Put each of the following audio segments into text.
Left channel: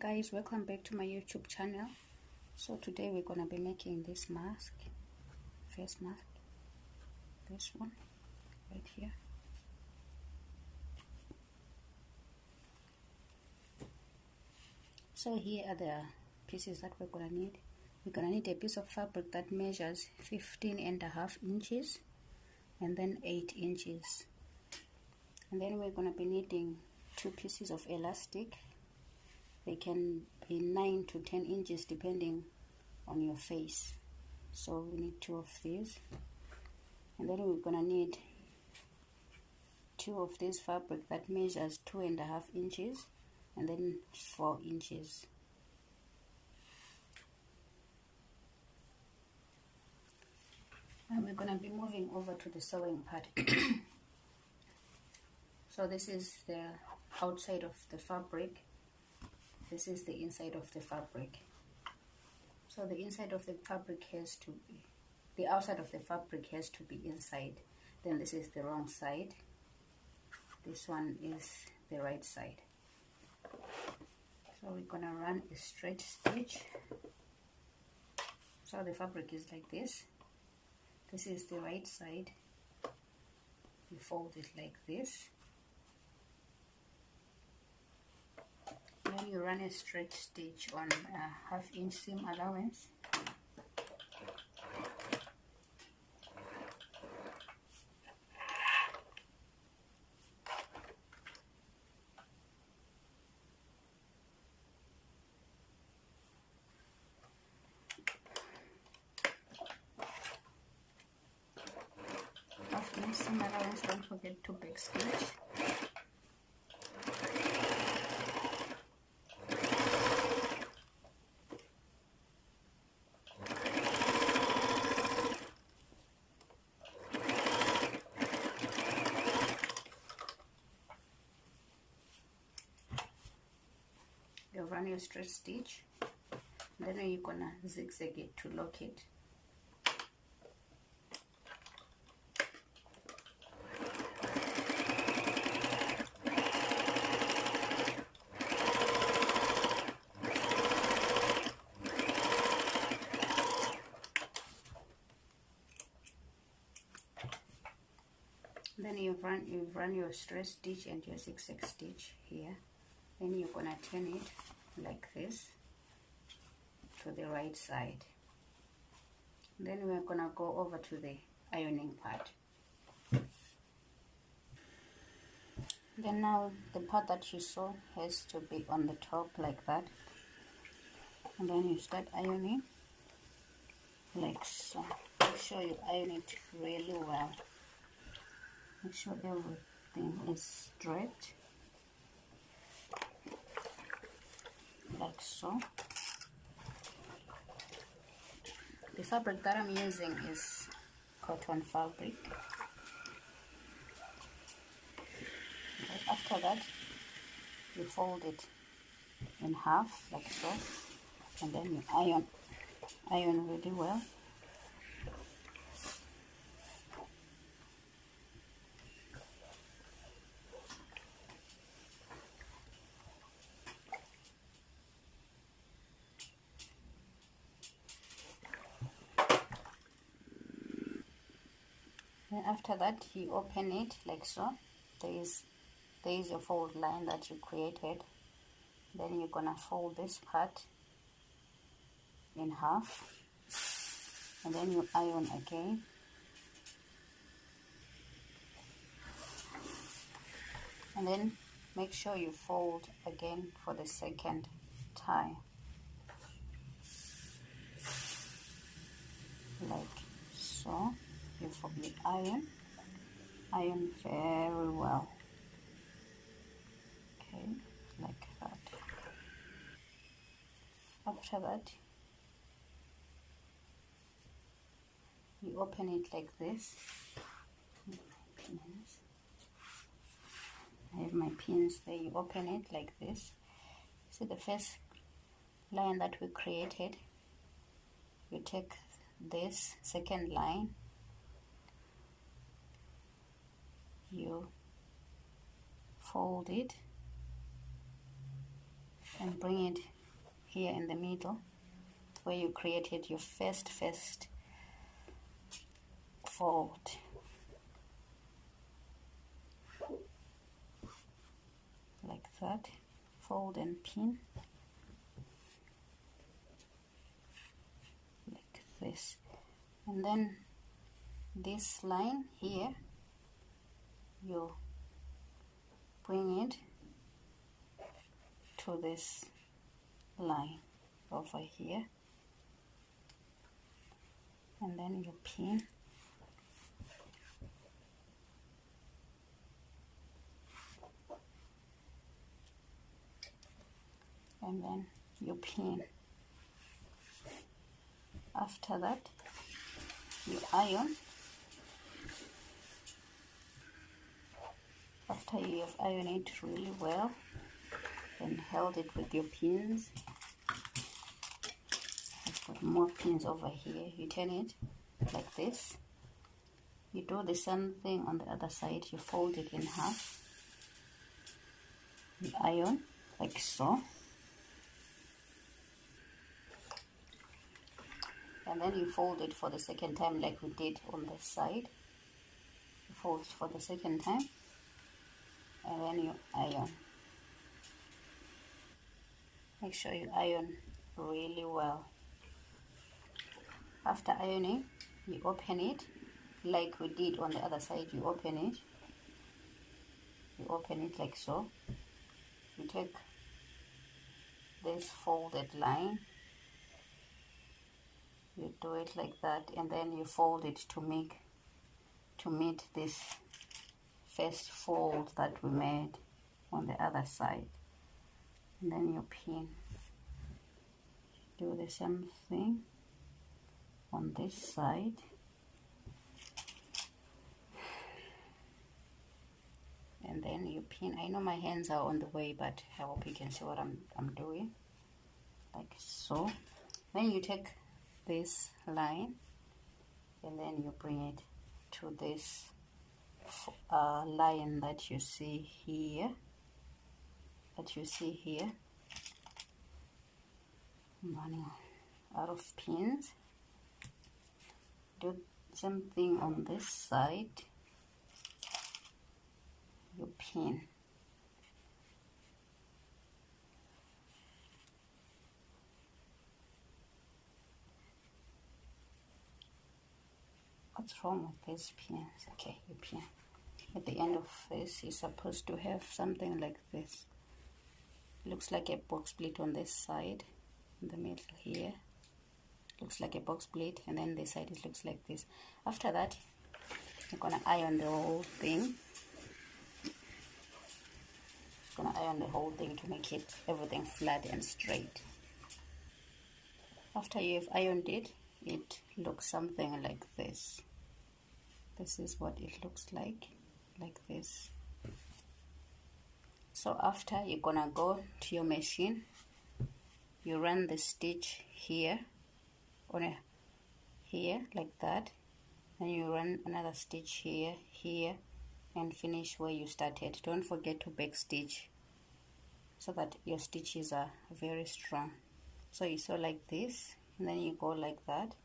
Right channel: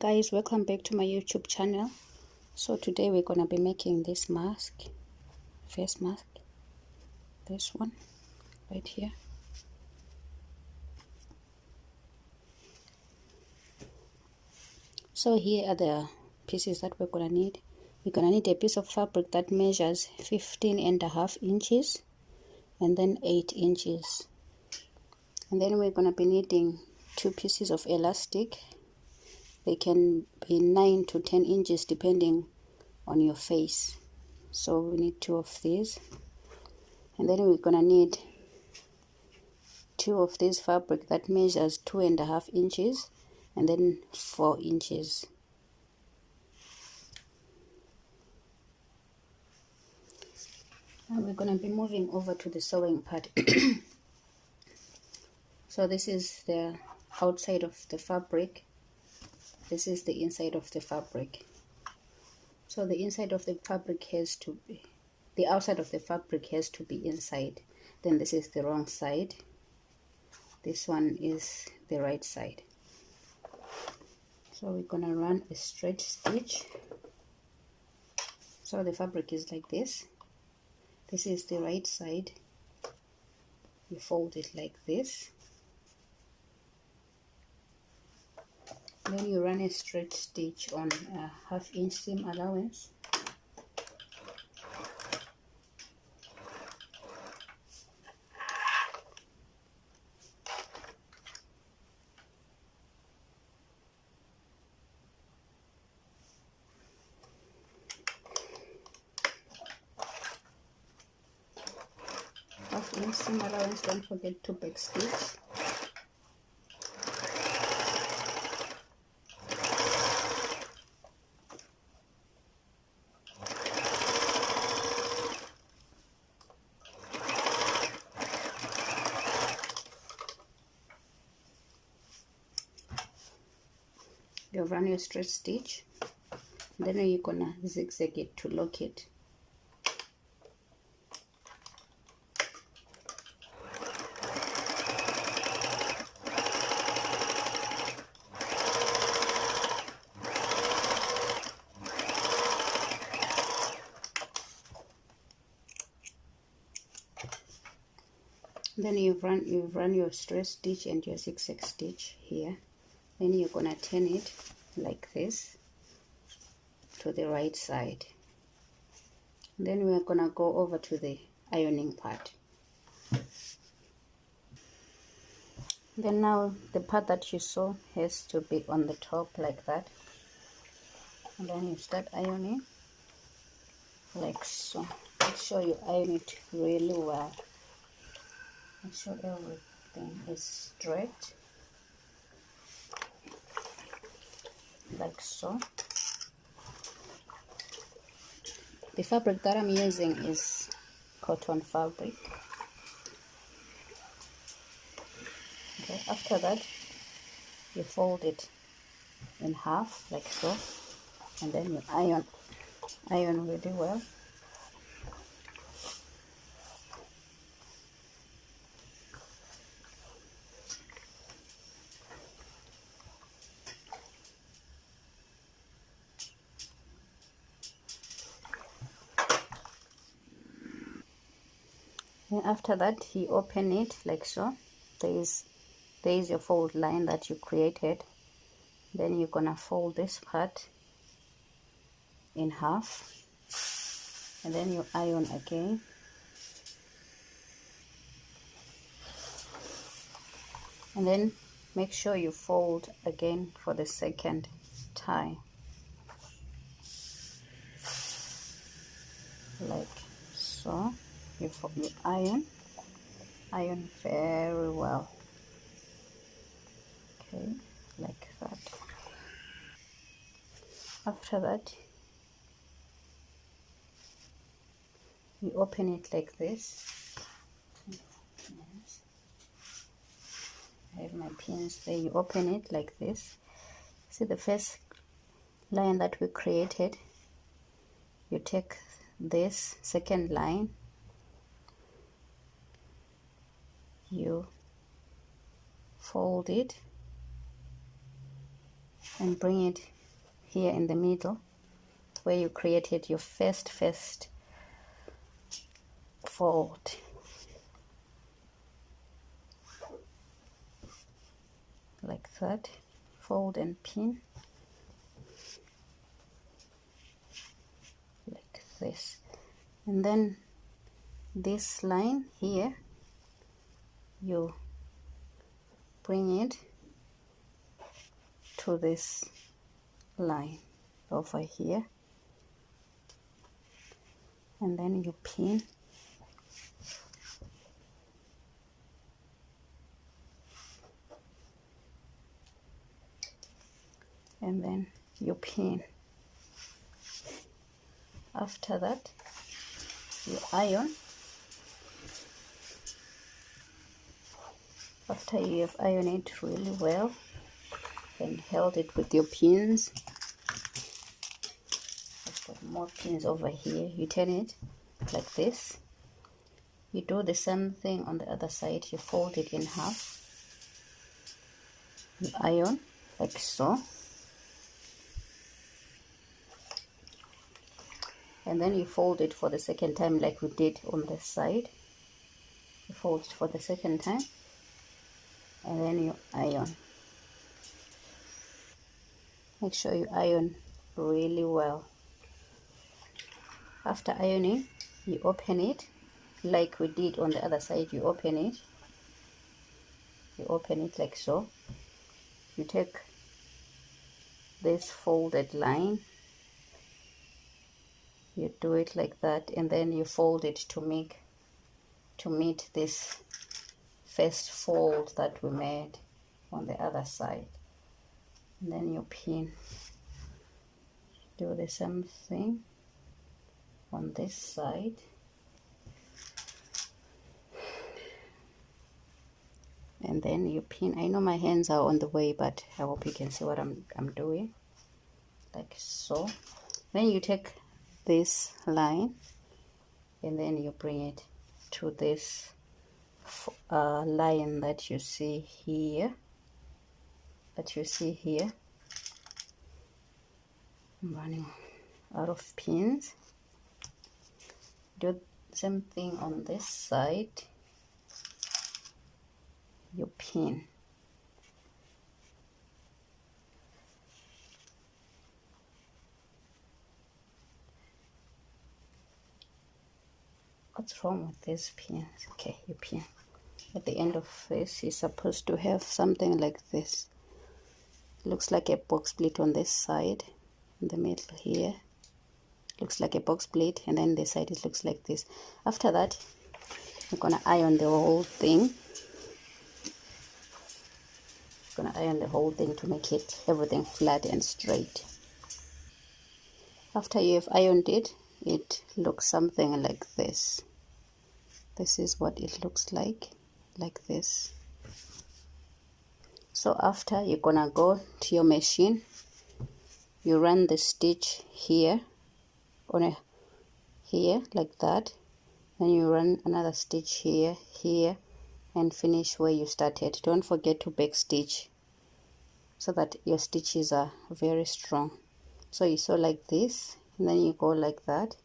Guys, welcome back to my YouTube channel. So today we're gonna be making this mask, face mask, this one right here. So here are the pieces that we're gonna need. We're gonna need a piece of fabric that measures 15.5 inches and then 8 inches, and then we're gonna be needing 2 pieces of elastic. They can be 9 to 10 inches depending on your face. So we need 2 of these, and then we're gonna need 2 of this fabric that measures 2.5 inches and then 4 inches. And we're gonna be moving over to the sewing part. So this is the outside of the fabric. This is the inside of the fabric. So the inside of the fabric has to be, the outside of the fabric has to be inside. Then this is the wrong side. This one is the right side. So we're gonna run a straight stitch. So the fabric is like this. This is the right side. You fold it like this. Then you run a straight stitch on a 1/2 inch seam allowance. Half inch seam allowance, don't forget to back stitch. You run your straight stitch, then you're gonna zigzag it to lock it. Then you run your straight stitch and your zigzag stitch here. Then you're gonna turn it like this to the right side. Then we're gonna go over to the ironing part. Then now the part that you sew has to be on the top like that, and then you start ironing like so. Make sure you iron it really well. Make sure everything is straight like so. The fabric that I'm using is cotton fabric. Okay, after that you fold it in half like so, and then you iron really well. And after that you open it like so. There is your fold line that you created. Then you're gonna fold this part in half, and then you iron again. And then make sure you fold again for the second time like so. You iron very well, okay, like that. After that you open it like this. Yes. I have my pins there. You open it like this. See the first line that we created? You take this second line, you fold it and bring it here in the middle where you created your first fold. Like that. Fold and pin like this, and then this line here you bring it to this line over here, and then you pin and then you pin. After that you iron. After you have ironed it really well and held it with your pins, I've got more pins over here, you turn it like this. You do the same thing on the other side. You fold it in half, you iron like so, and then you fold it for the second time like we did on this side. You fold it for the second time, and then you iron. Make sure you iron really well. After ironing, you open it like we did on the other side. You open it like so. You take this folded line, you do it like that, and then you fold it to meet this first fold that we made on the other side, and then you pin. Do the same thing on this side, and then you pin. I know my hands are on the way, but I hope you can see what I'm doing, like so. Then you take this line and then you bring it to this line that you see here, I'm running out of pins. Do the same thing on this side, you pin. What's wrong with these pins? Okay, you pin. At the end of this, you're supposed to have something like this. Looks like a box split on this side, in the middle here. Looks like a box split, and then the side it looks like this. After that, I'm gonna iron the whole thing. To make it everything flat and straight. After you have ironed it, it looks something like this. This is what it looks like this. So after, you're gonna go to your machine, you run the stitch here here like that, and you run another stitch here, and finish where you started. Don't forget to back stitch so that your stitches are very strong. So you sew like this, and then you go like that,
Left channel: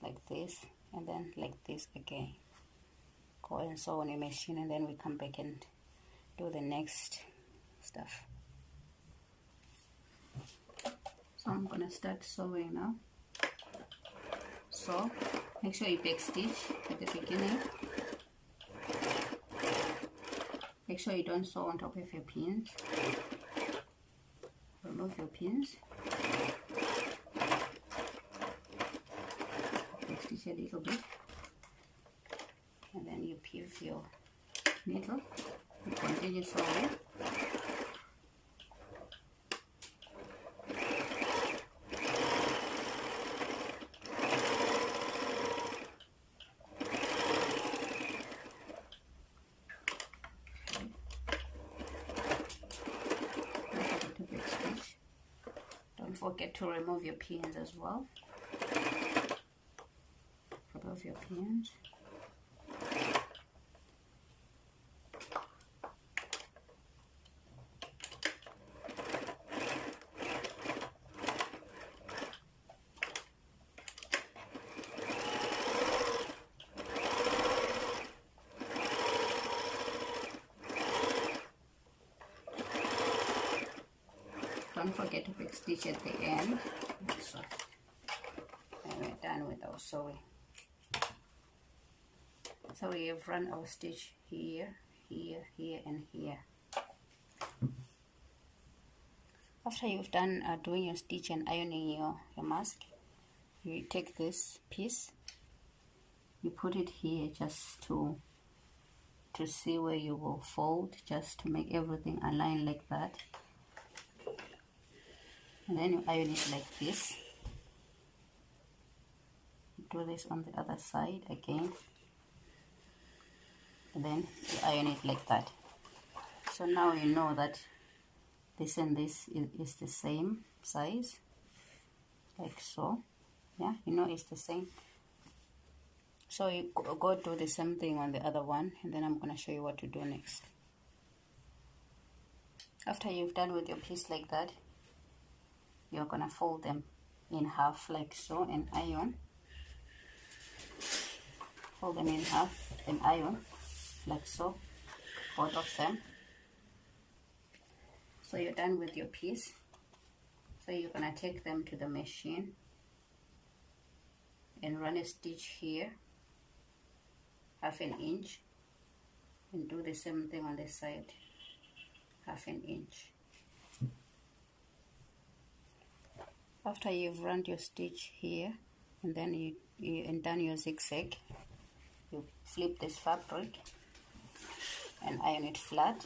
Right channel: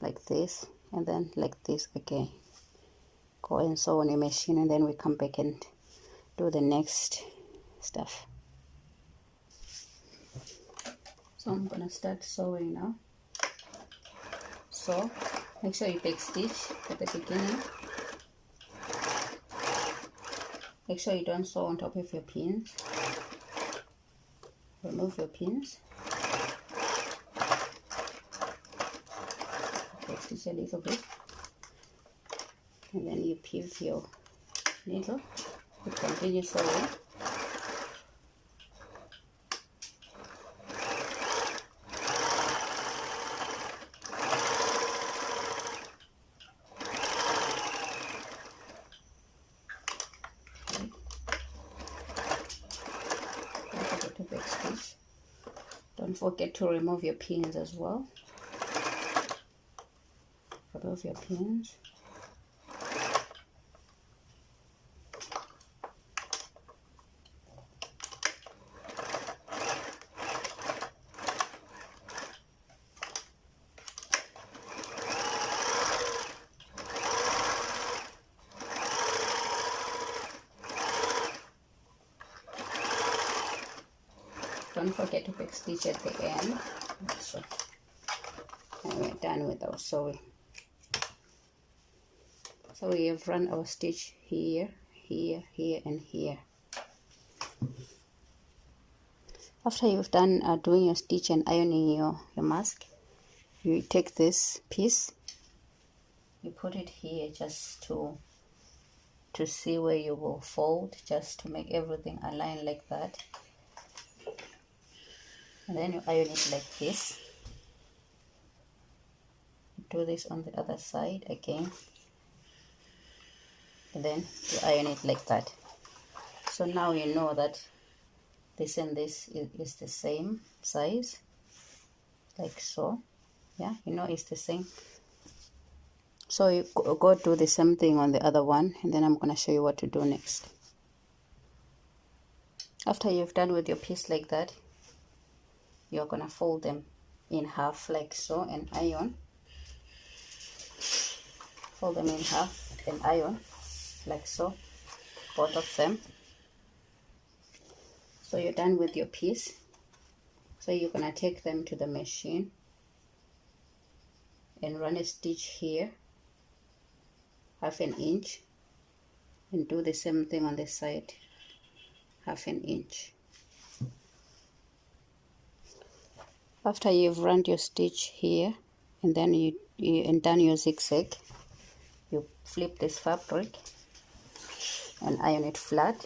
like this, and then like this again. Go and sew on your machine, and then we come back and do the next stuff. So I'm gonna start sewing now. So make sure you back stitch at the beginning. Make sure you don't sew on top of your pins. Remove your pins. Back stitch a little bit, and then you pivot your needle. You continue sewing. Don't forget to remove your pins as well. Remove your pins. don't forget to back stitch at the end. So, and we're done with our sewing. So we have run our stitch here, here, here, and here. After you've done doing your stitch and ironing your mask, you take this piece, you put it here just to see where you will fold, just to make everything align like that. And then you iron it like this. Do this on the other side again, and then you iron it like that. So now you know that this and this is the same size, like so. Yeah, you know it's the same. So you go do the same thing on the other one, and then I'm going to show you what to do next. After you've done with your piece like that, you're going to fold them in half like so and iron. Fold them in half and iron like so, both of them. So you're done with your piece. So you're going to take them to the machine and run a stitch here, 1/2 inch, and do the same thing on the side, 1/2 inch. After you've run your stitch here and then you done your zigzag, you flip this fabric and iron it flat.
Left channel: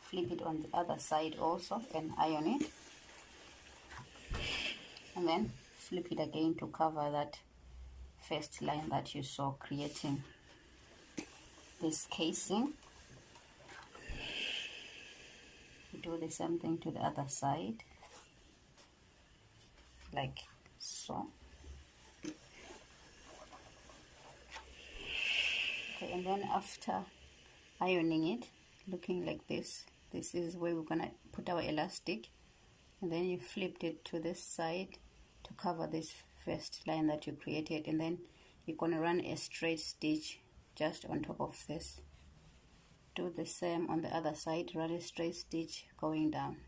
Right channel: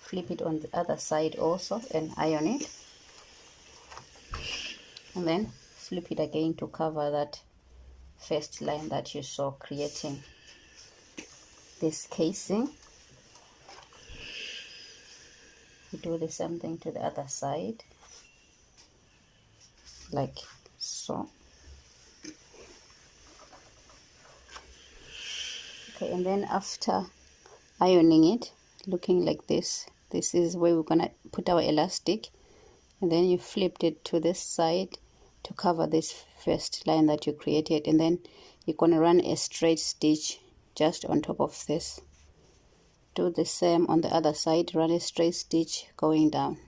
Flip it on the other side also and iron it, and then flip it again to cover that first line that you saw, creating this casing. You do the same thing to the other side like so. Okay, and then after ironing it, looking like this, this is where we're gonna put our elastic, and then you flipped it to this side to cover this first line that you created, and then you're gonna run a straight stitch just on top of this. Do the same on the other side, run a straight stitch going down.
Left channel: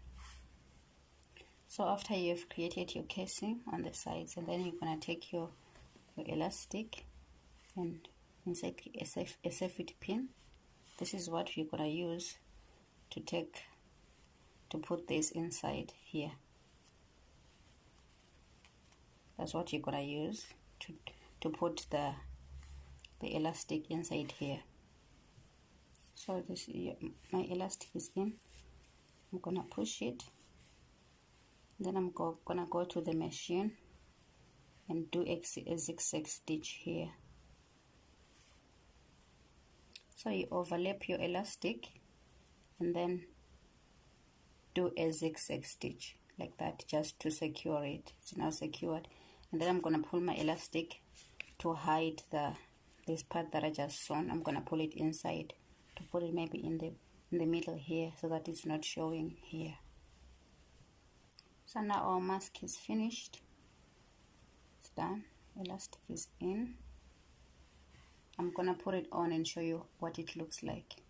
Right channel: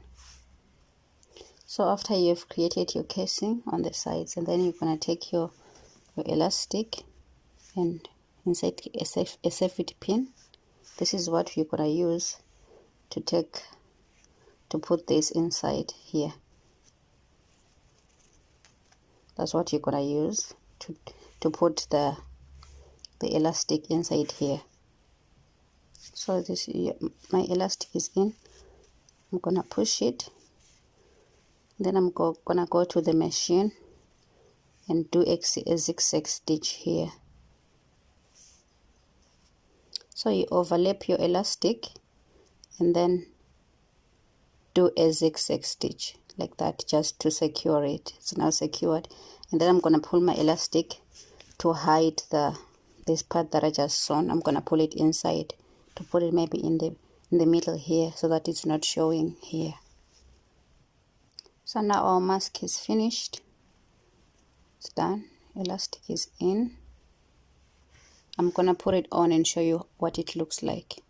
So after you've created your casing on the sides, and then you're gonna take your elastic and insert a safety pin. This is what you're gonna use to put this inside here. That's what you're gonna use to put the elastic inside here. So this, my elastic is in. I'm gonna push it. Then I'm gonna go to the machine and do a zigzag stitch here. So you overlap your elastic and then do a zigzag stitch like that, just to secure it. It's now secured, and then I'm gonna pull my elastic to hide this part that I just sewn. I'm gonna pull it inside to put it maybe in the middle here, so that it's not showing here. So now our mask is finished. It's done. Elastic is in. I'm gonna put it on and show you what it looks like.